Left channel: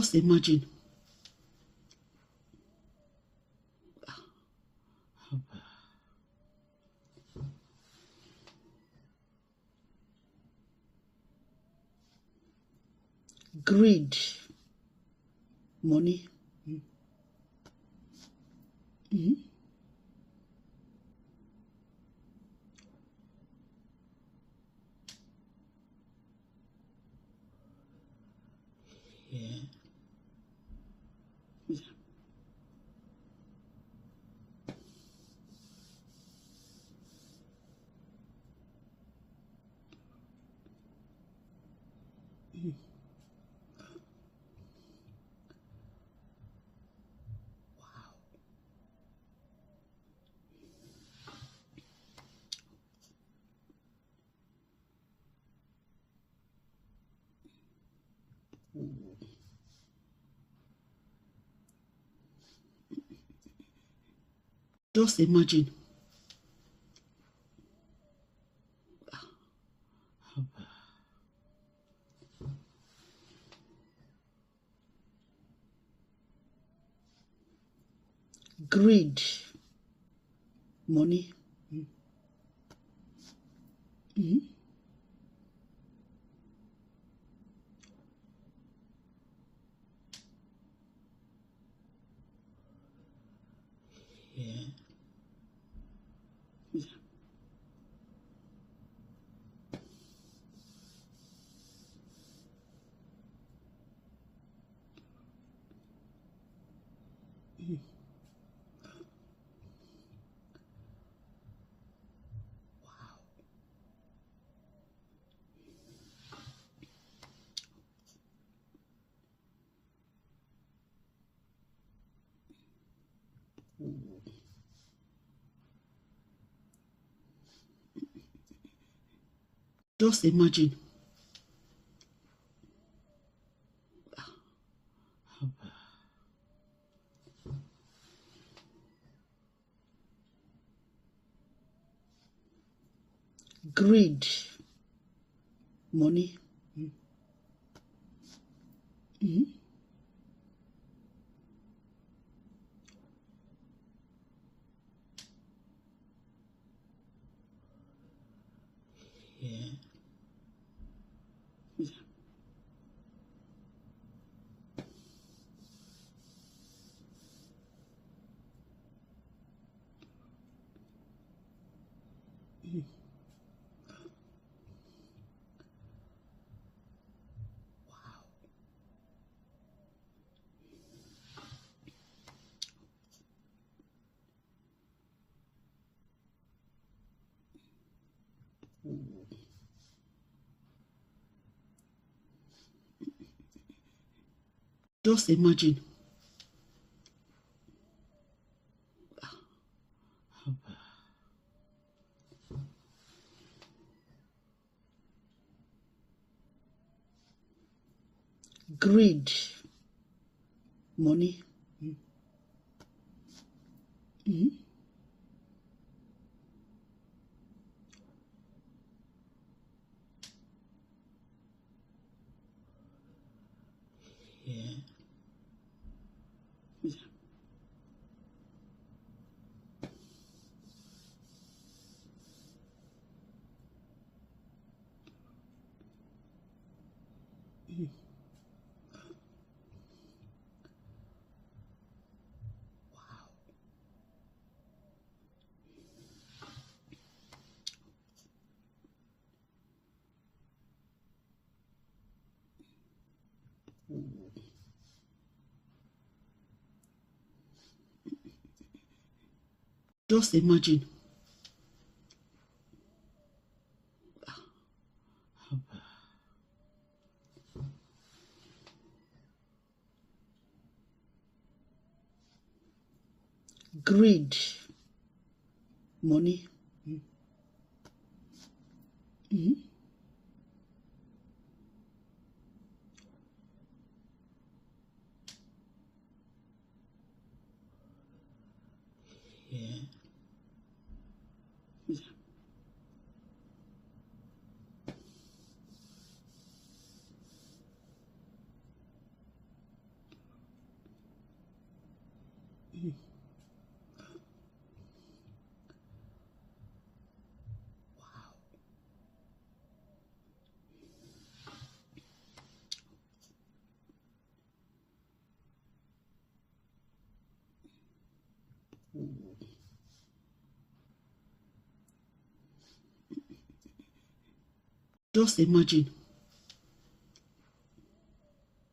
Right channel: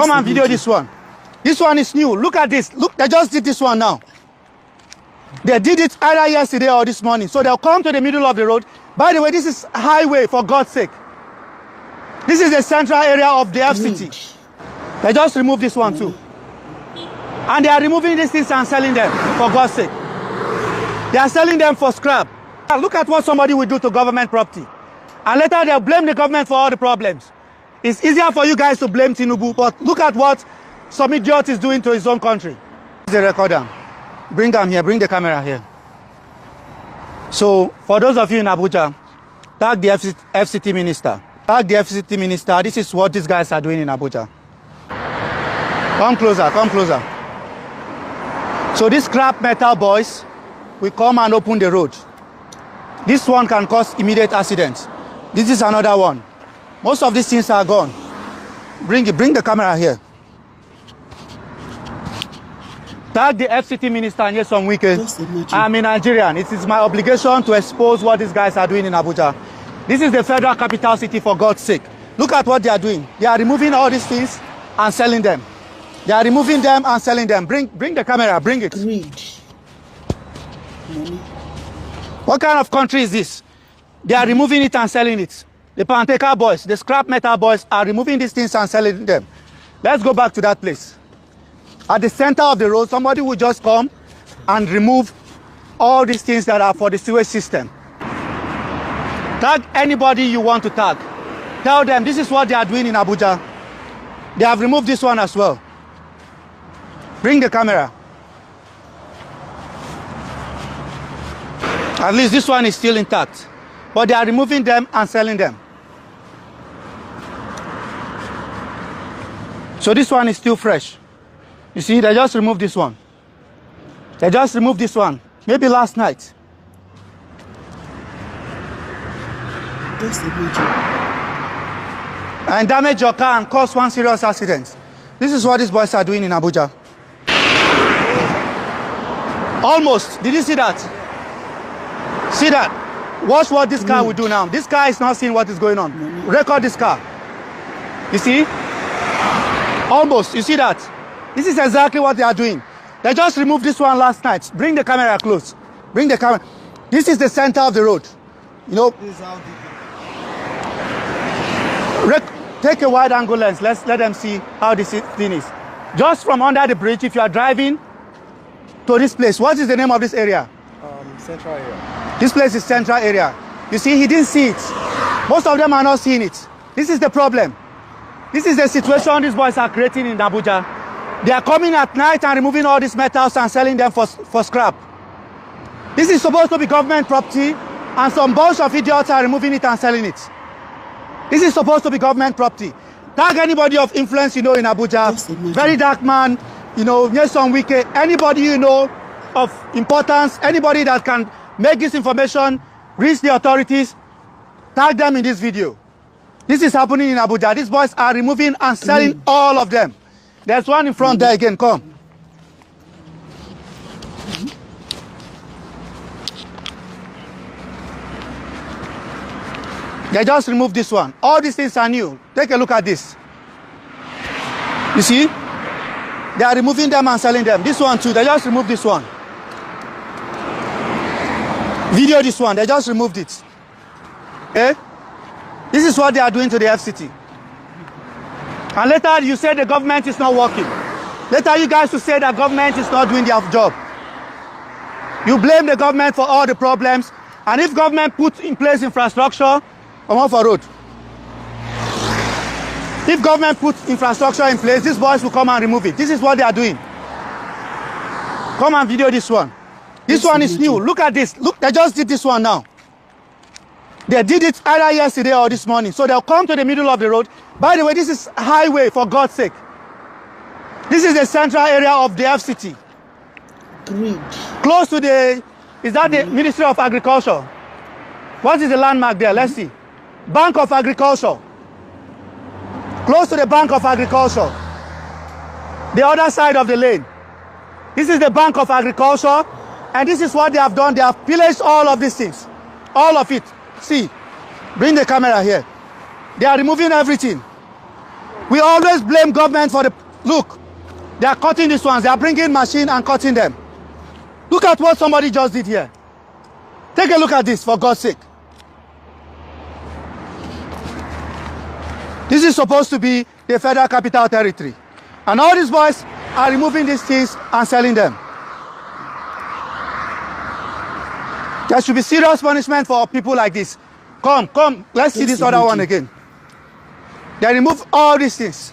Come and video this one. This one is new. Look at this. Look, they just did this one now. They did it either yesterday or this morning. So they'll come to the middle of the road. By the way, this is highway, for God's sake. This is the central area of the FCT. They just removed this one too. And they are removing these things and selling them, for God's sake. They are selling them for scrap. Look at what somebody will do to government property. And later they'll blame the government for all the problems. It's easier for you guys to blame Tinubu, but look at what some idiot is doing to his own country. The recorder. Bring them here, bring the camera here. So, for those of you in Abuja, tag the FCT minister. Tag the FCT minister. This is what these guys are doing in Abuja. Come closer, come closer. So these scrap metal boys will come and open the road. This one can cause immediate accidents. This is another one. Most of these things are gone. Bring the camera here. Tag the FCT minister and Nyesom Wike. I'm a Nigerian. It is my obligation to expose what these guys are doing in Abuja. This is the federal capital city, for God's sake. Look at what they are doing. They are removing all these things and selling them. They are removing them and selling them. Bring the camera, bring it. Greed. Money. What kind of country is this? They are removing it and selling it. The Panteka boys, the scrap metal boys are removing these things and selling them. Let's go back to that place. At the center of the road, somebody will just come and remove all these things that are for the sewage system. Tag anybody you want to tag. Tell them this is what they are doing in Abuja. They have removed this one as well. Bring the camera. At least this one is still intact. But they are removing them and selling them. So this one is still fresh. You see, they just removed this one. They just removed this one. Maybe last night. Just imagine. And damage your car and cause one serious accident. This is what these boys are doing in Abuja. Almost. Did you see that? See that? Watch what this car will do now. This car is not seeing what is going on. Record this car. You see? Almost. You see that? This is exactly what they are doing. They just removed this one last night. Bring the camera close. Bring the camera. This is the center of the road. You know? This is how take a wide angle lens. Let's let them see how this thing is. Just from under the bridge, if you are driving to this place, what is the name of this area? Central area. This place is central area. You see, he didn't see it. Most of them are not seeing it. This is the problem. This is the situation these boys are creating in Abuja. They are coming at night and removing all these metals and selling them for scrap. This is supposed to be government property, and some bunch of idiots are removing it and selling it. This is supposed to be government property. Tag anybody of influence you know in Abuja, Very Dark Man, you know, Nyesom Wike, anybody you know of importance, anybody that can make this information reach the authorities, tag them in this video. This is happening in Abuja. These boys are removing and selling all of them. There's one in front there again, come. They just removed this one. All these things are new. Take a look at this. You see? They are removing them and selling them. This one too, they just removed this one. Video this one, they just removed it. Eh? This is what they are doing to the FCT. And later you say the government is not working. Later you guys will say that government is not doing their job. You blame the government for all the problems. And if government puts in place infrastructure, come on for road. If government puts infrastructure in place, these boys will come and remove it. This is what they are doing. Come and video this one. This one is new. Look at this. Look, they just did this one now. They did it either yesterday or this morning. So they'll come to the middle of the road. By the way, this is highway, for God's sake. This is the central area of the FCT. Greed. Close to the, is that the Ministry of Agriculture? What is the landmark there? Let's see. Bank of Agriculture. Close to the Bank of Agriculture. The other side of the lane. This is the Bank of Agriculture. And this is what they have done. They have pillaged all of these things. All of it. See. Bring the camera here. They are removing everything. We always blame government for the... Look, they are cutting these ones. They are bringing machine and cutting them. Look at what somebody just did here. Take a look at this, for God's sake. This is supposed to be the Federal Capital Territory. And all these boys are removing these things and selling them. There should be serious punishment for people like this. Come, let's see this other one again. They remove all these things.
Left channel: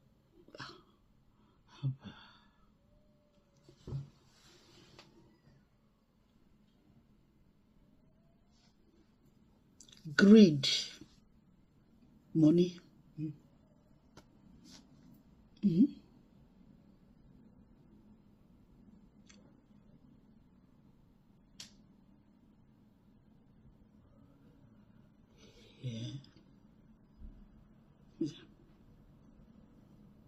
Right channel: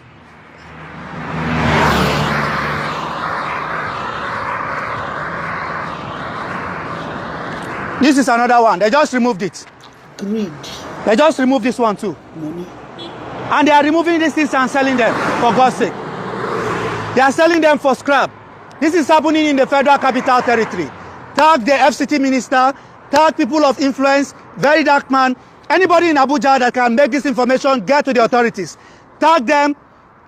This is another one. They just removed it. Greed. They just removed this one too. Money. And they are removing these things and selling them, for God's sake. They are selling them for scrap. This is happening in the Federal Capital Territory. Tag the FCT minister, tag people of influence, very dark man, anybody in Abuja that can make this information get to the authorities. Tag them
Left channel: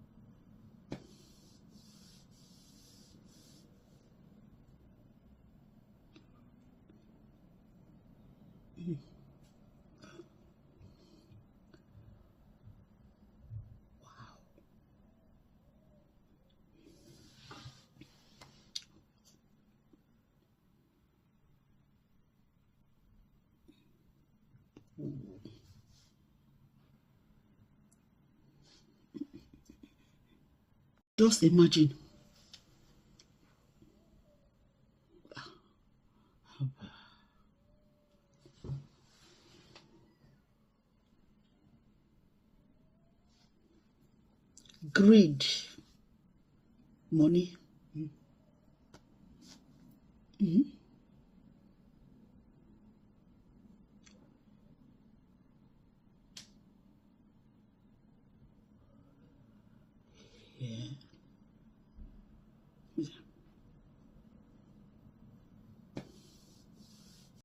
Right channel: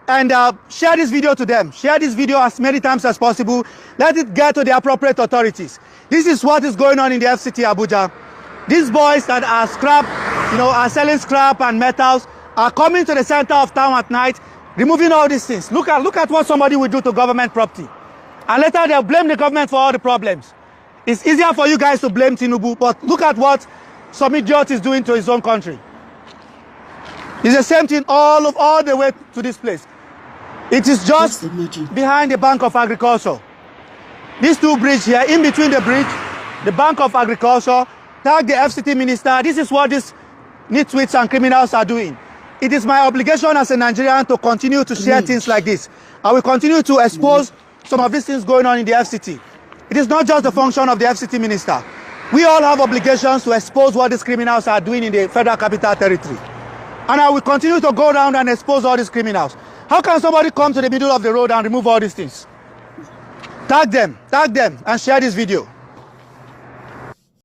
and share this video to them. Share this video as many times as possible. Let it get to the appropriate authorities. This is what is going on in the FCT Abuja. These boys that are scrap, are selling scrap and metals, are coming to the center of town at night, removing all these things. Look at what somebody will do to government property. And later they'll blame the government for all the problems. It's easier for you guys to blame Tinubu, but look at what some idiot is doing to his own country. It's the same thing all the way to this place. It is just behind the Bank of Agriculture. These two bridges here, in between the bridge, the Bank of Agriculture, tag the FCT minister. This is what these nitwits and criminals are doing. It is my obligation as a Nigerian to continue to share things like this. I will continue to expose some of these things going on in the FCT. It is not just the function of the FCT minister. We all have obligations to expose what these criminals are doing in the Federal Capital Territory. And I will continue to go around and expose all these criminals. How can somebody come to the middle of the road and remove all these things? Tag them, and share this video.